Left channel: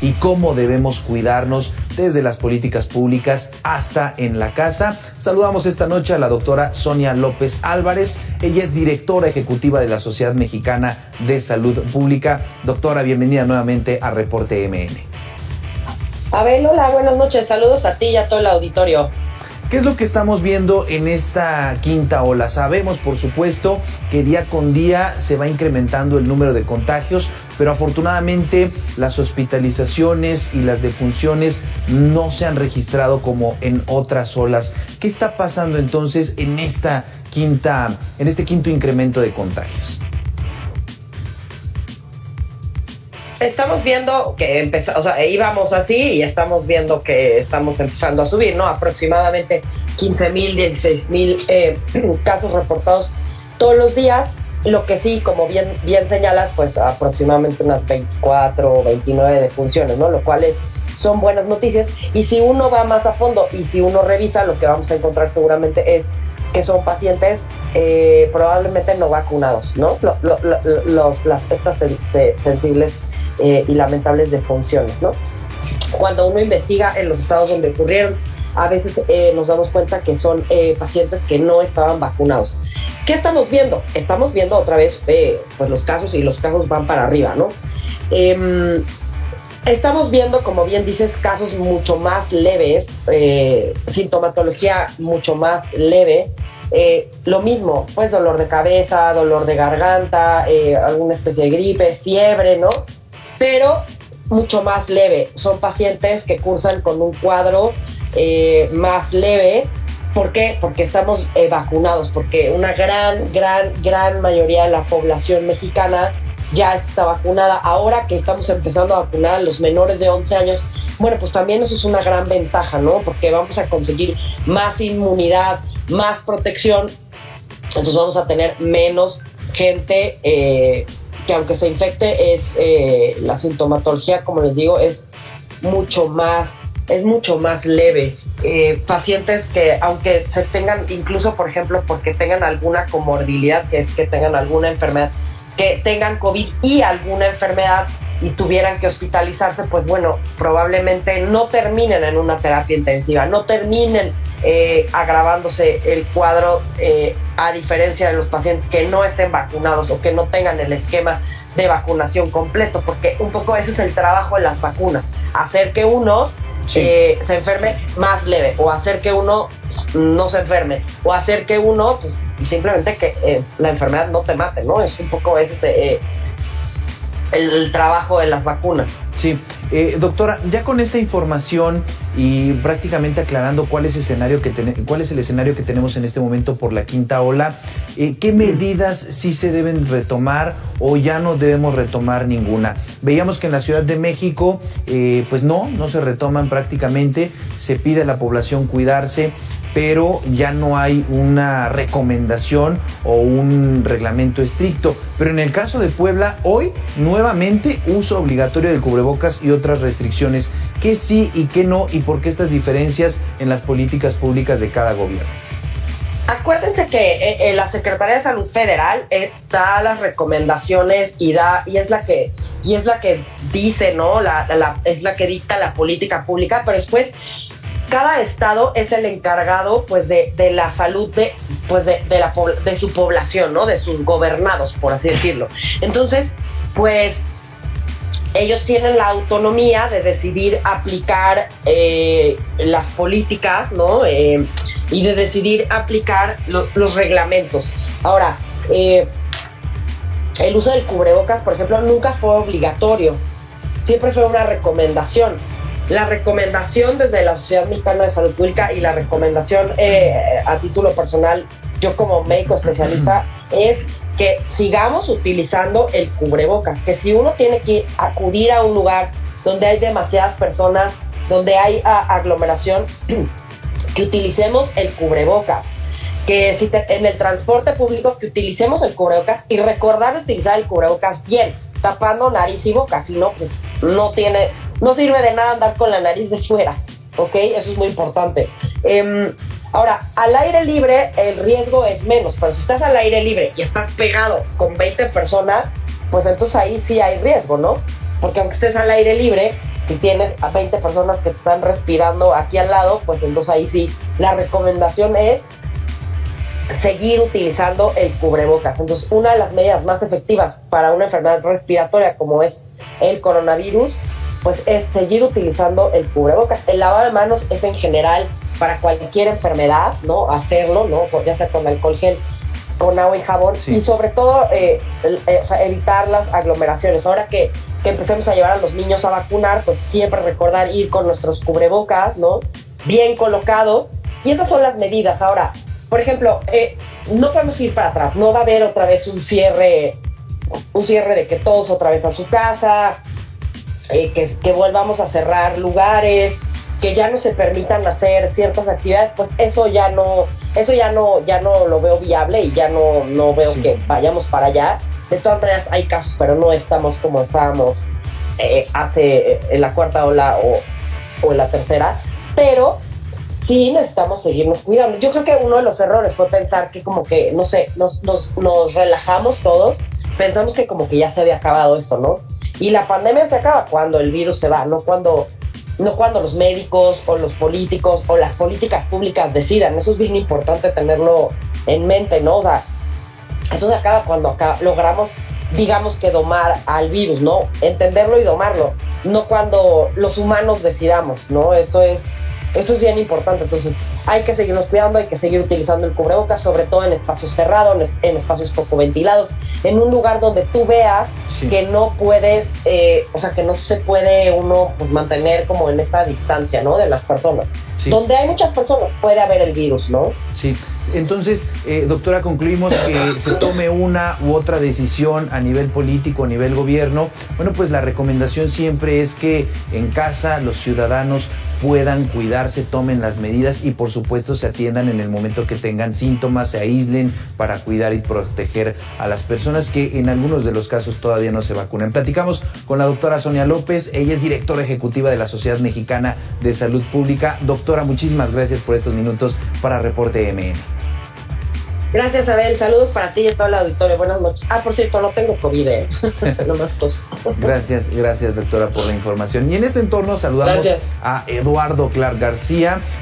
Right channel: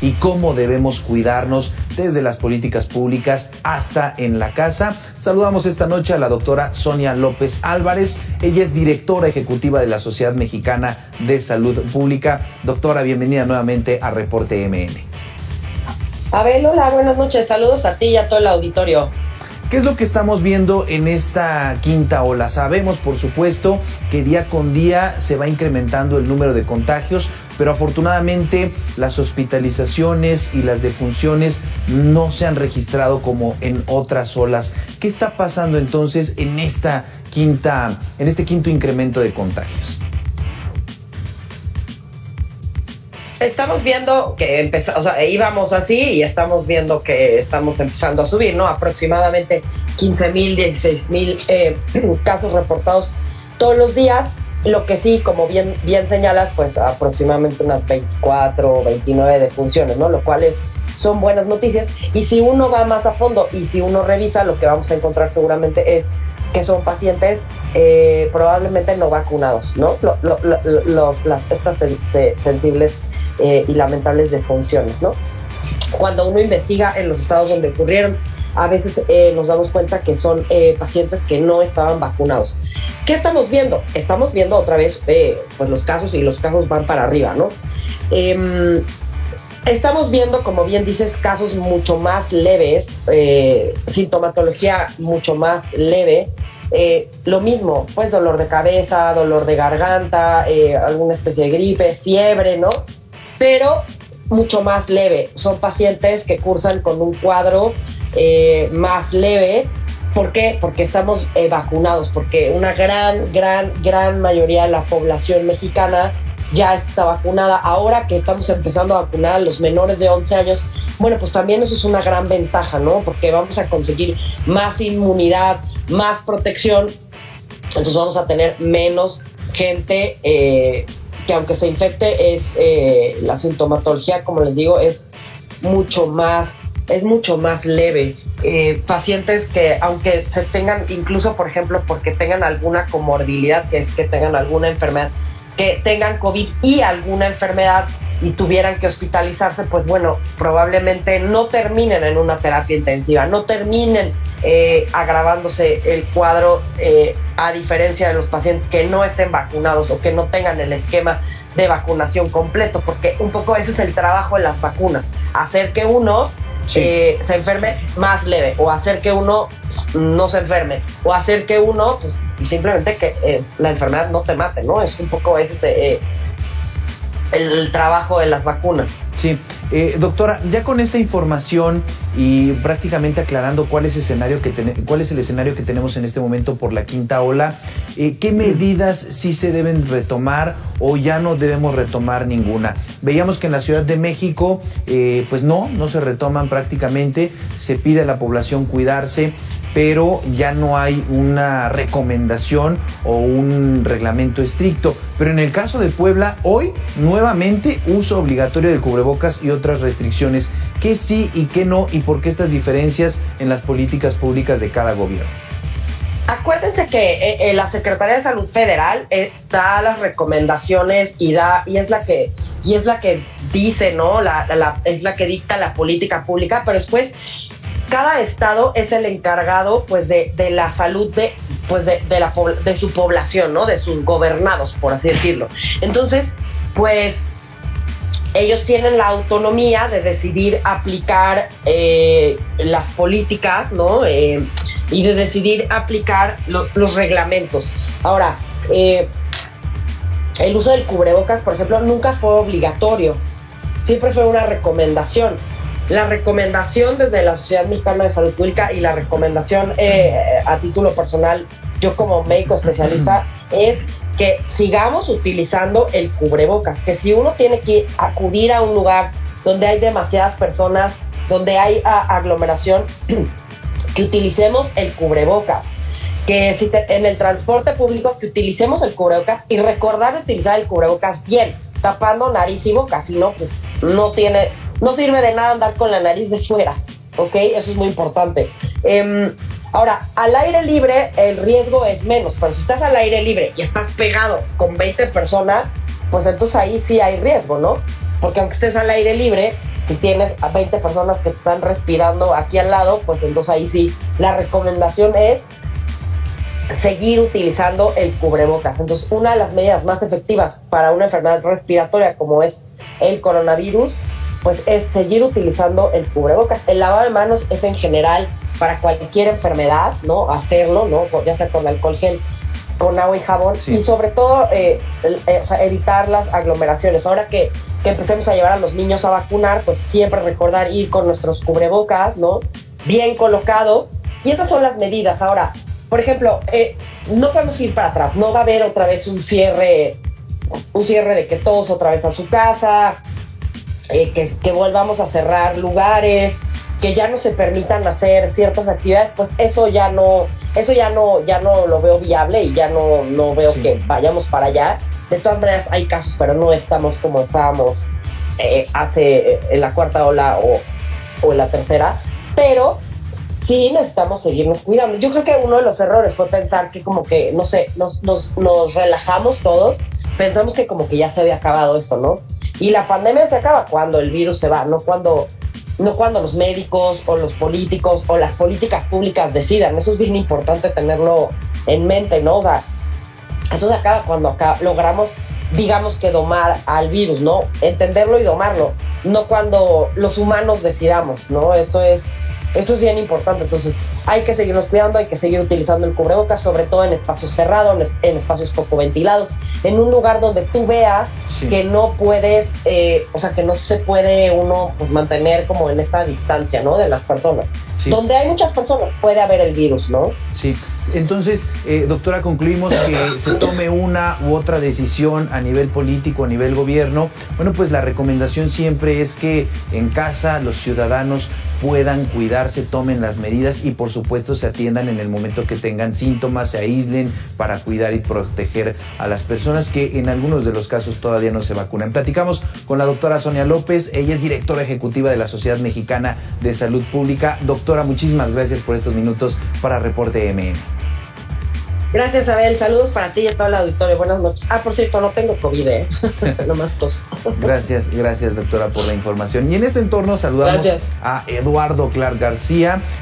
y cómo debemos cuidarnos desde las políticas públicas hasta en la casa. Saludamos esta noche a la doctora Sonia López Álvarez. Ella es directora ejecutiva de la Sociedad Mexicana de Salud Pública. Doctora, bienvenida nuevamente a Reporte MN. Abel, hola, buenas noches. Saludos a ti y a todo el auditorio. ¿Qué es lo que estamos viendo en esta quinta ola? Sabemos, por supuesto, que día con día se va incrementando el número de contagios, pero afortunadamente las hospitalizaciones y las defunciones no se han registrado como en otras olas. ¿Qué está pasando entonces en este quinto incremento de contagios? Estamos viendo que íbamos así y estamos viendo que estamos empezando a subir, ¿no? Aproximadamente 15,000, 16,000 casos reportados todos los días. Lo que sí, como bien señalas, pues aproximadamente unas 24 o 29 defunciones, ¿no? Lo cual son buenas noticias. Y si uno va más a fondo y si uno revisa, lo que vamos a encontrar seguramente es que son pacientes probablemente no vacunados, ¿no? Estas sensibles y lamentables defunciones, ¿no? Cuando uno investiga en los estados donde ocurrieron, a veces nos damos cuenta que son pacientes que no estaban vacunados. ¿Qué estamos viendo? Estamos viendo otra vez pues los casos, y los casos van para arriba, ¿no? Estamos viendo, como bien dices, casos mucho más leves, sintomatología mucho más leve. Lo mismo, pues dolor de cabeza, dolor de garganta, alguna especie de gripe, fiebre, ¿no? Pero mucho más leve. Son pacientes que cursan con un cuadro más leve. ¿Por qué? Porque estamos vacunados, porque una gran mayoría de la población mexicana ya está vacunada. Ahora que estamos empezando a vacunar a los menores de 11 años, bueno, pues también eso es una gran ventaja, ¿no? Porque vamos a conseguir más inmunidad, más protección. Entonces vamos a tener menos gente que aunque se infecte, la sintomatología, como les digo, es mucho más leve. Pacientes que, aunque se tengan, incluso por ejemplo porque tengan alguna comorbilidad, que es que tengan alguna enfermedad, que tengan COVID y alguna enfermedad y tuvieran que hospitalizarse, pues bueno, probablemente no terminen en una terapia intensiva, no terminen agravándose el cuadro, a diferencia de los pacientes que no estén vacunados o que no tengan el esquema de vacunación completo, porque un poco ese es el trabajo de las vacunas, hacer que uno se enferme más leve, o hacer que uno no se enferme, o hacer que uno, pues simplemente que la enfermedad no te mate, ¿no? Es un poco ese el trabajo de las vacunas. Sí, doctora, ya con esta información y prácticamente aclarando cuál es el escenario que tenemos en este momento por la quinta ola, ¿qué medidas sí se deben retomar o ya no debemos retomar ninguna? Veíamos que en la Ciudad de México, pues no se retoman prácticamente, se pide a la población cuidarse, pero ya no hay una recomendación o un reglamento estricto. Pero en el caso de Puebla, hoy nuevamente uso obligatorio del cubrebocas y otras restricciones. ¿Qué sí y qué no? ¿Y por qué estas diferencias en las políticas públicas de cada gobierno? Acuérdense que la Secretaría de Salud Federal da las recomendaciones y es la que dice, ¿no? Es la que dicta la política pública, pero después cada estado es el encargado, pues, de la salud de su población, ¿no? De sus gobernados, por así decirlo. Entonces, pues, ellos tienen la autonomía de decidir aplicar las políticas, ¿no? Y de decidir aplicar los reglamentos. Ahora, el uso del cubrebocas, por ejemplo, nunca fue obligatorio. Siempre fue una recomendación. La recomendación desde la Sociedad Mexicana de Salud Pública y la recomendación a título personal, yo como médico especialista, es que sigamos utilizando el cubrebocas, que si uno tiene que acudir a un lugar donde hay demasiadas personas, donde hay aglomeración, que utilicemos el cubrebocas, que si en el transporte público que utilicemos el cubrebocas y recordar utilizar el cubrebocas bien, tapando nariz y boca, si no, pues no sirve de nada andar con la nariz de fuera, ¿ok? Eso es muy importante. Ahora, al aire libre el riesgo es menos, pero si estás al aire libre y estás pegado con 20 personas, pues entonces ahí sí hay riesgo, ¿no? Porque aunque estés al aire libre, Si tienes a 20 personas que te están respirando aquí al lado, pues entonces ahí sí, la recomendación es seguir utilizando el cubrebocas. Entonces, una de las medidas más efectivas para una enfermedad respiratoria como es el coronavirus, pues es seguir utilizando el cubrebocas. El lavado de manos es en general para cualquier enfermedad, ¿no? Hacerlo, ¿no? Ya sea con alcohol gel, con agua y jabón, sí. Y sobre todo o sea, evitar las aglomeraciones. Ahora que empecemos a llevar a los niños a vacunar, pues siempre recordar ir con nuestros cubrebocas, ¿no? Bien colocados. Y esas son las medidas. Ahora, por ejemplo, no podemos ir para atrás. No va a haber otra vez un cierre de que todos otra vez a su casa, que volvamos a cerrar lugares, que ya no se permitan hacer ciertas actividades. Pues eso ya no lo veo viable y ya no veo sí. Que vayamos para allá. De todas maneras hay casos, pero no estamos como estábamos hace en la cuarta ola o en la tercera, pero sí necesitamos seguirnos cuidando. Yo creo que uno de los errores fue pensar que como que, no sé, nos relajamos todos, pensamos que como que ya se había acabado esto, ¿no? Y la pandemia se acaba cuando el virus se va, no cuando los médicos o los políticos o las políticas públicas decidan. Eso es bien importante tenerlo en mente, ¿no? O sea, eso se acaba cuando logramos, digamos, que domar al virus, ¿no? Entenderlo y domarlo, no cuando los humanos decidamos, ¿no? Eso es bien importante. Entonces hay que seguirnos cuidando, hay que seguir utilizando el cubrebocas, sobre todo en espacios cerrados, en espacios poco ventilados, en un lugar donde tú veas sí. Que no puedes, o sea, que no se puede uno pues mantener como en esta distancia, ¿no? De las personas. Sí. Donde hay muchas personas puede haber el virus, ¿no? Sí. Entonces, doctora, concluimos que se tome una u otra decisión a nivel político, a nivel gobierno. Bueno, pues la recomendación siempre es que en casa los ciudadanos puedan cuidarse, tomen las medidas y por supuesto se atiendan en el momento que tengan síntomas, se aíslen para cuidar y proteger a las personas que en algunos de los casos todavía no se vacunan. Platicamos con la doctora Sonia López, ella es directora ejecutiva de la Sociedad Mexicana de Salud Pública. Doctora, muchísimas gracias por estos minutos para Reporte MN. Gracias, Abel. Saludos para ti y a todo el auditorio. Buenas noches. Por cierto, no tengo COVID, nomás tos. Gracias, doctora, por la información. Y en este entorno saludamos a Eduardo Clark García.